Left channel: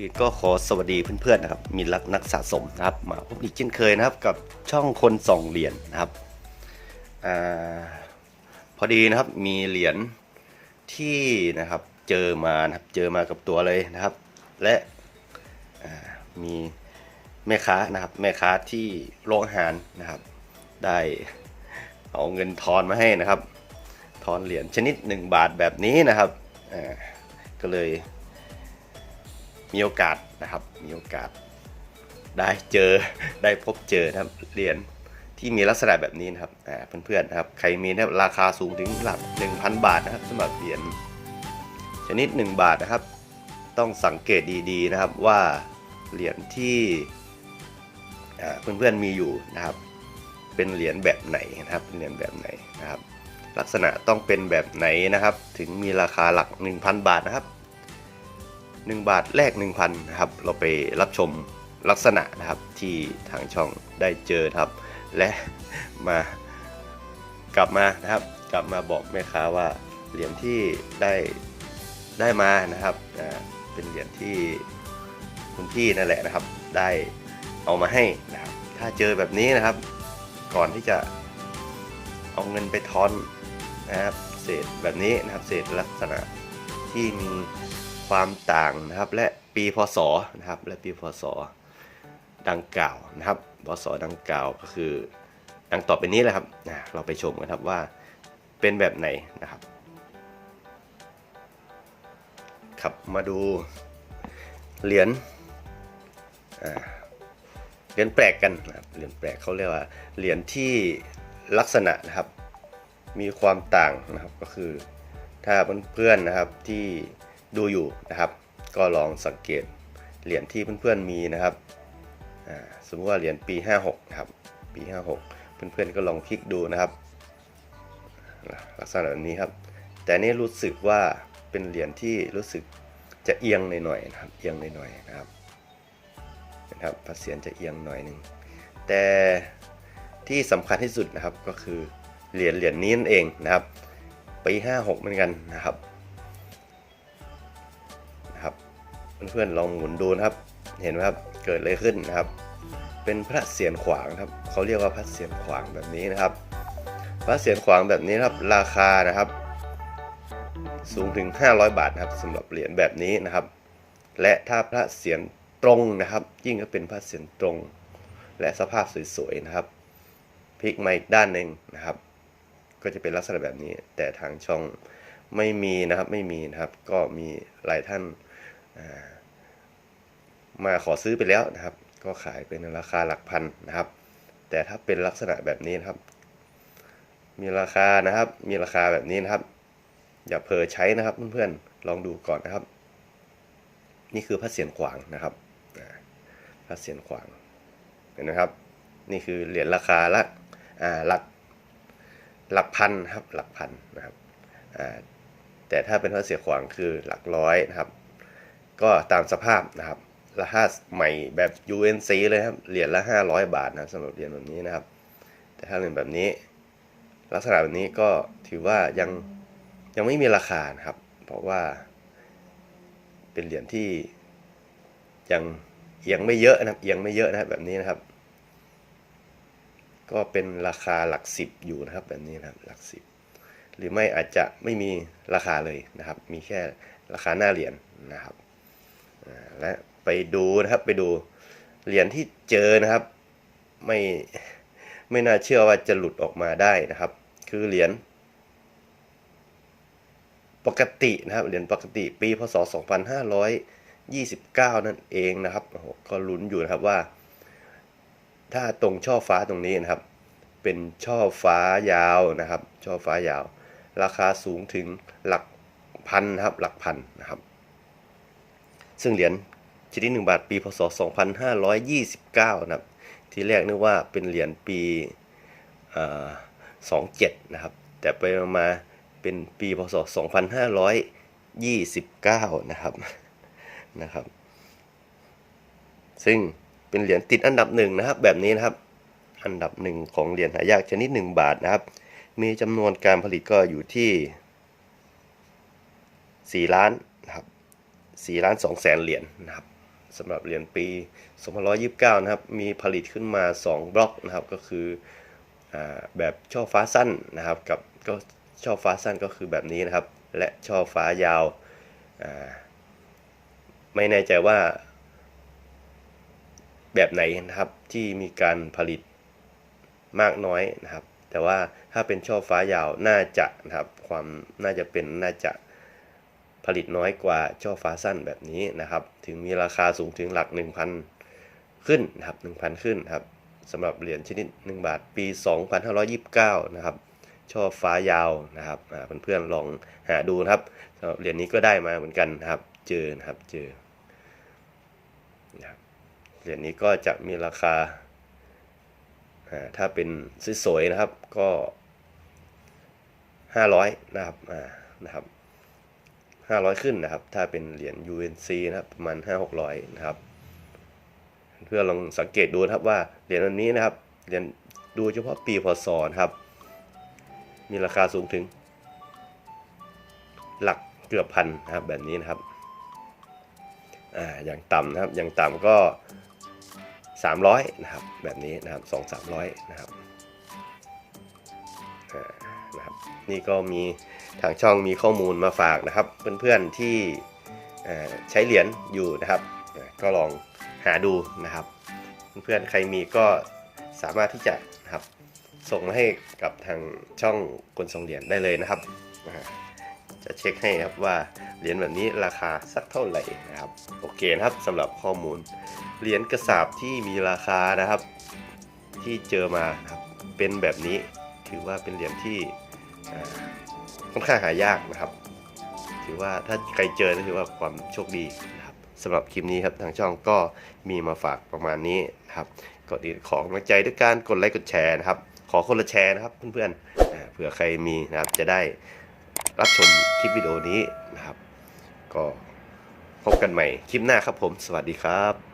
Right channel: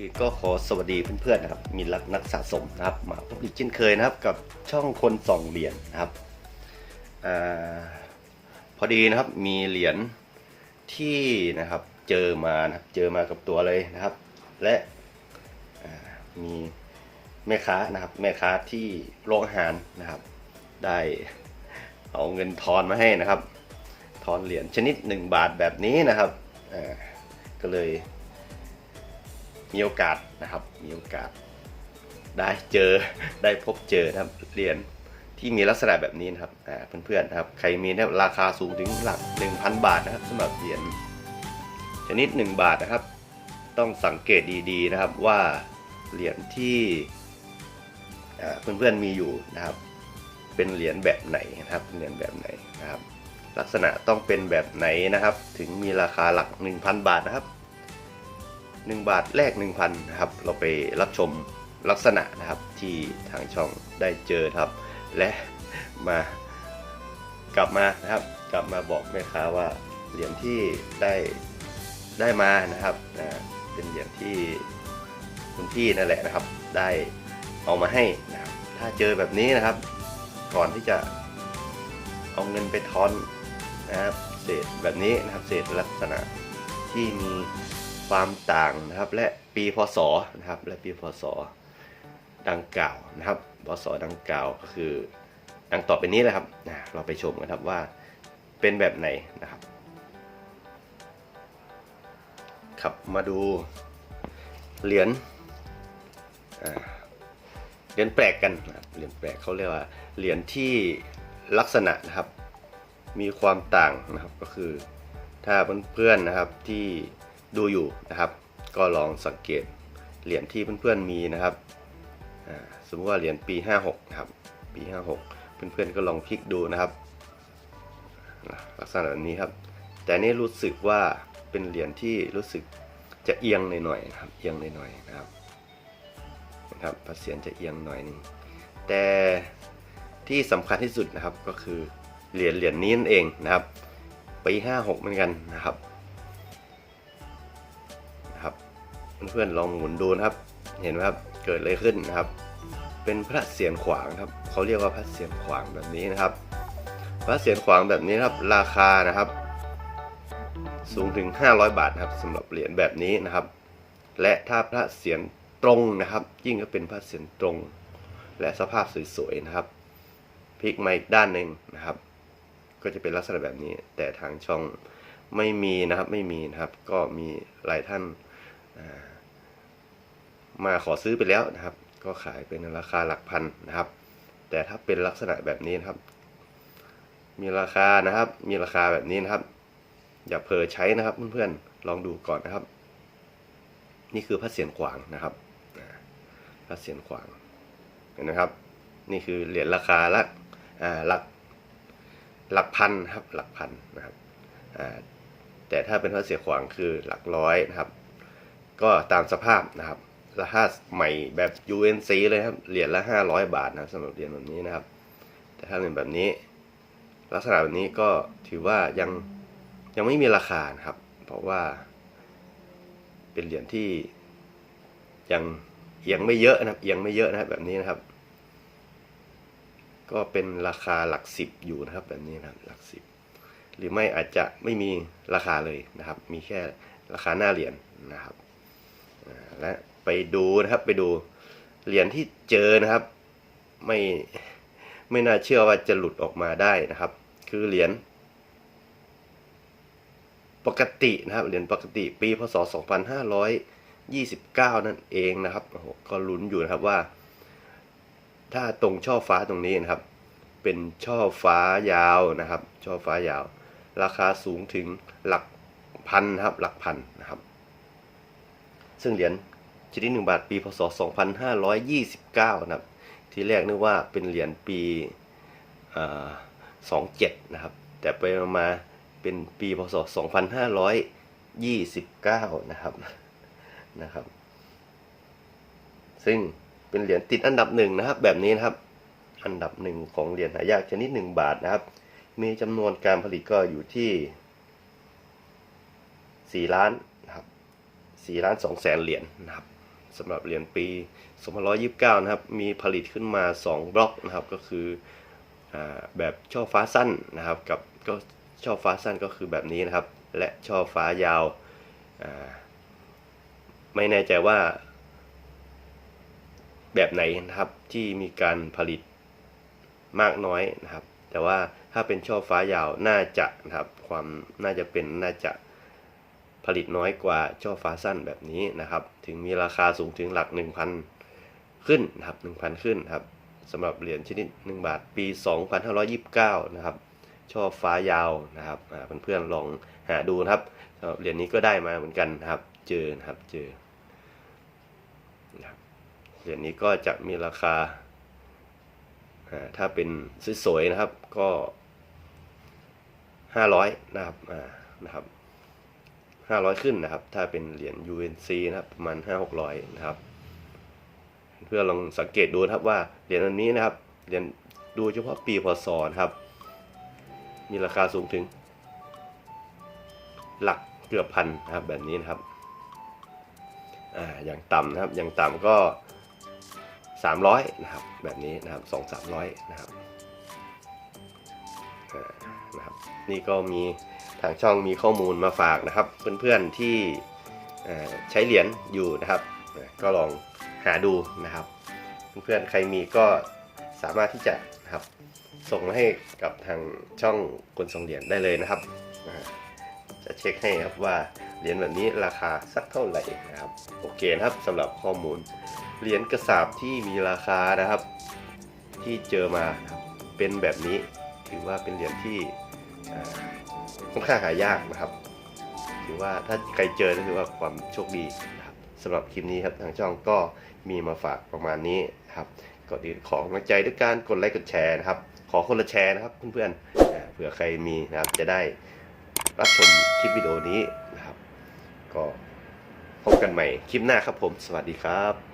อื่นก็ขอสวัสดีเพื่อนๆนะครับ มีรักนักสะสมนะครับ มาพบอีกเช่นเคยนะครับกับช่องคนส่องเหรียญนะครับอพอดีนะครับมีเหรียญที่นะครับเจอมานะครับเจอมากับตัวเลยนะครับ และมีแม่ค้านะครับแม่ค้าที่โรงอาหารนะครับ ได้เอาเงินทอนมาให้นะครับ ทอนเหรียญชนิด 1 บาทแบบนี้นะครับก็เลย มีโอกาสนะครับ มีโอกาสได้เจอได้พบเจอนะครับเหรียญที่มีลักษณะแบบนี้นะครับเพื่อนๆนะครับ ใครมีนะรราคาสูงถึงหลัก 1,000 บาทนะครับสำหรับเหรียญชนิด 1 บาทนะครับ ต้องสังเกตดีๆนะครับว่าเหรียญที่เพื่อนๆมีอยู่นะครับ เป็นเหรียญแบบไหนนะครับเป็นเหรียญแบบไหนนะครับ ลักษณะต้องเป็นแบบไหนนะครับ ถึงมีราคาหลัก 1,000 บาทนะครับ 1 บาทแลก1,000นะครับ เราไปรับชมลักษณะนะครับที่ทางช่องได้เจอครับ และมากลับมานะครับ กลับมาบอกแม่ค้าว่าเหรียญที่ได้ได้มานะครับเป็นเหรียญที่คุณพี่นั่นแหละนะครับ ได้เอามาให้นะครับถ้าเจอแบบนี้นะครับ ก่อนที่จะเอาเงินไปทอนนะครับเศษแบบนี้นะครับเศษลักษณะที่มี ความต่างนะครับ และปีพศนะครับ และปีพศดังกล่าวนะครับพศดังกล่าวก็คือดังต่อไปนี้แหละครับนะเราไปชมกันครับว่าเป็นแบบไหนนะครับครับมาดูเหรียญเหรียญแปลกกันนะเหรียญแปลกเขาเรียกว่าเหรียญที่ลักษณะนะครับ มีความต่างนะครับก็คือถ้าเพื่อนๆนะครับที่ ดูอยู่นะครับ ก็ลองสังเกตเหรียญที่เพื่อนๆมีนะครับสมมติว่าเหรียญปี 56นะครับปี 56 เพื่อนๆก็ลองพลิกดูนะครับ ลักษณะแบบนี้ครับ แต่นี่รู้สึกว่าเป็นเหรียญที่รู้สึกจะเอียงหน่อยๆนะครับเอียงหน่อยๆนะครับนะครับพระเศียรจะเอียงหน่อยหนึงแต่ที่สำคัญที่สุดนะครับก็คือเหรียญเหรียญนี้นั่นเองนะครับปี 56 เหมือนกันนะครับ เพื่อนๆลองหมุนดูนะครับ เห็นไหมครับเกิดอะไรขึ้นนะครับ เป็นพระเศียรขวางครับเขาเรียกว่าพระเศียรขวางแบบนี้นะครับ พระเศียรขวางแบบนี้นครับราคานะครับ สูงถึง 500 บาทนะครับสำหรับเหรียญแบบนี้นะครับ และถ้าพระเศียรตรงนะครับ ยิ่งก็เป็นพระเศียรตรง และสภาพสวยๆนะครับพลิกมาอีกด้านหนึ่งนะครับ ก็จะเป็นลักษณะแบบนี้ แต่ทางช่องไม่มีนะครับไม่มีนะครับ ก็มีหลายท่านอ่า มาขอซื้อไปแล้วนะครับ ก็ขายเป็นราคาหลักพันนะครับ แต่ถ้าเป็นลักษณะแบบนี้นะครับ มีราคานะครับ มีราคาแบบนี้นะครับ อย่าเผลอใช้นะครับเพื่อนๆลองดูก่อนนะครับ นี่คือพระเศียรขวางนะครับพระเศียรขวางเห็นไหมครับ นี่คือเหรียญราคาละหลักหลักพันครับหลักพันนะครับแต่ถ้าเป็นพระเศียรขวางคือหลักร้อยนะครับ ก็ตามสภาพนะครับ ราคาใหม่แบบ UNC เลยครับ เหรียญละ500บาทนะครับสำหรับเหรียญแบบนี้นะครับ แต่ถ้าเป็นแบบนี้ ลักษณะแบบนี้ก็ถือว่ายังยังไม่มีราคาครับ เพราะว่า เป็นเหรียญที่ยังเอียงไม่เยอะนะเอียงไม่เยอะนะครับแบบนี้นะครับ ก็เป็นราคาหลักสิบอยู่นะครับแบบนี้นะครับหลักสิบหรือไม่อาจจะไม่มีราคาเลยนะครับ มีแค่ราคาหน้าเหรียญนะครับและ ไปดูนะครับไปดูเหรียญที่เจอนะครับ ไม่ไม่น่าเชื่อว่าจะหลุดออกมาได้นะครับ คือเหรียญปกตินะครับเหรียญปกติปีพศ 2529 นั่นเองนะครับโอ้โหก็ลุ้นอยู่นะครับว่า ถ้าตรงช่อฟ้าตรงนี้นะครับ เป็นช่อฟ้ายาวนะครับ ช่อฟ้ายาว ราคาสูงถึงหลักพันนะครับหลักพันนะครับ ซึ่งเหรียญ ชนิดหนึ่งบาทปีพศ 2529 นะครับ ที่แรกนึกว่าเป็นเหรียญปีเอ่อ27 นะครับ แต่ไปมาเป็นปีพศ 2529 นะครับนะครับ ซึ่งเป็นเหรียญติดอันดับหนึ่งนะครับ แบบนี้นะครับ อันดับหนึ่งของเหรียญหายากชนิดหนึ่งบาทนะครับ มีจำนวนการผลิตก็อยู่ที่ 4 ล้านนะครับ4ล้าน2แสนเหรียญนะครับ สำหรับเหรียญปี2529 นะครับ มีผลิตขึ้นมา 2 บล็อกนะครับ ก็คืออแบบช่อฟ้าสั้นนะครับ กับก็ช่อฟ้าสั้นก็คือแบบนี้นะครับ และช่อฟ้ายาวาไม่แน่ใจว่า แบบไหนนะครับที่มีการผลิตมากน้อยนะครับ แต่ว่าถ้าเป็นช่อฟ้ายาวน่าจะนะครับ ความน่าจะเป็นน่าจะ ผลิตน้อยกว่าช่อฟ้าสั้นแบบนี้นะครับ ถึงมีราคาสูงถึงหลัก 1,000 ขึ้นนะครับ1,000 ขึ้นครับสำหรับเหรียญชนิด 1 บาทปี 2529 นะครับ ช่อฟ้ายาวนะครับเพื่อนๆลองหาดูนะครับเหรียญนี้ก็ได้มาเหมือนกันนะครับ เจอนะครับเจอเหรียญนี้ก็จะมีราคา ถ้าเป็นสวยๆนะครับก็ห้าร้อยนะครับนะครับ ห้าร้อยขึ้นนะครับ ถ้าเป็นเหรียญ UNC นะครับประมาณห้าหกร้อยนะครับ เพื่อลองสังเกตดูนะครับว่าเหรียญอันนี้นะครับเหรียญดูเฉพาะปีพศนะครับ มีราคาสูงถึง หลักเกือบพันนะครับแบบนี้นะครับอ่าอย่างต่ำนะครับอย่างต่ำก็ 300 นะครับ แบบนี้นะครับ2 300นะครับอ่านะครับนี่ก็มี ทางช่องมีข้อมูลมาฝากนะครับ เพื่อนๆที่ใช้เหรียญอยู่นะครับ ก็ลองหาดูนะครับ เพื่อนๆใครมีก็สามารถที่จะนะครับ ส่งมาให้กับทางช่องคนส่งเหรียญได้เลยนะครับ จะเช็คให้ครับว่าเหรียญแบบนี้ราคาสักเท่าไหร่นะครับ โอเคนะครับสำหรับข้อมูลเหรียญกระสาบที่มีราคานะครับ ที่เจอมาเป็นแบบนี้ถือว่าเป็นเหรียญที่ ค่อนข้างหายากนะครับ ถือว่าถ้าใครเจอก็ถือว่าความโชคดีนะครับสำหรับคลิปนี้ครับทางช่องก็มีมาฝากประมาณนี้นะครับก่อนอื่นขอกำลังใจด้วยการกดไลค์กดแชร์นะครับ ขอคนละแชร์นะครับเพื่อนๆอ่าเผื่อใครมีนะครับจะได้รับชมคลิปวิดีโอนี้นะครับ ก็พบกันใหม่คลิปหน้าครับผม สวัสดีครับ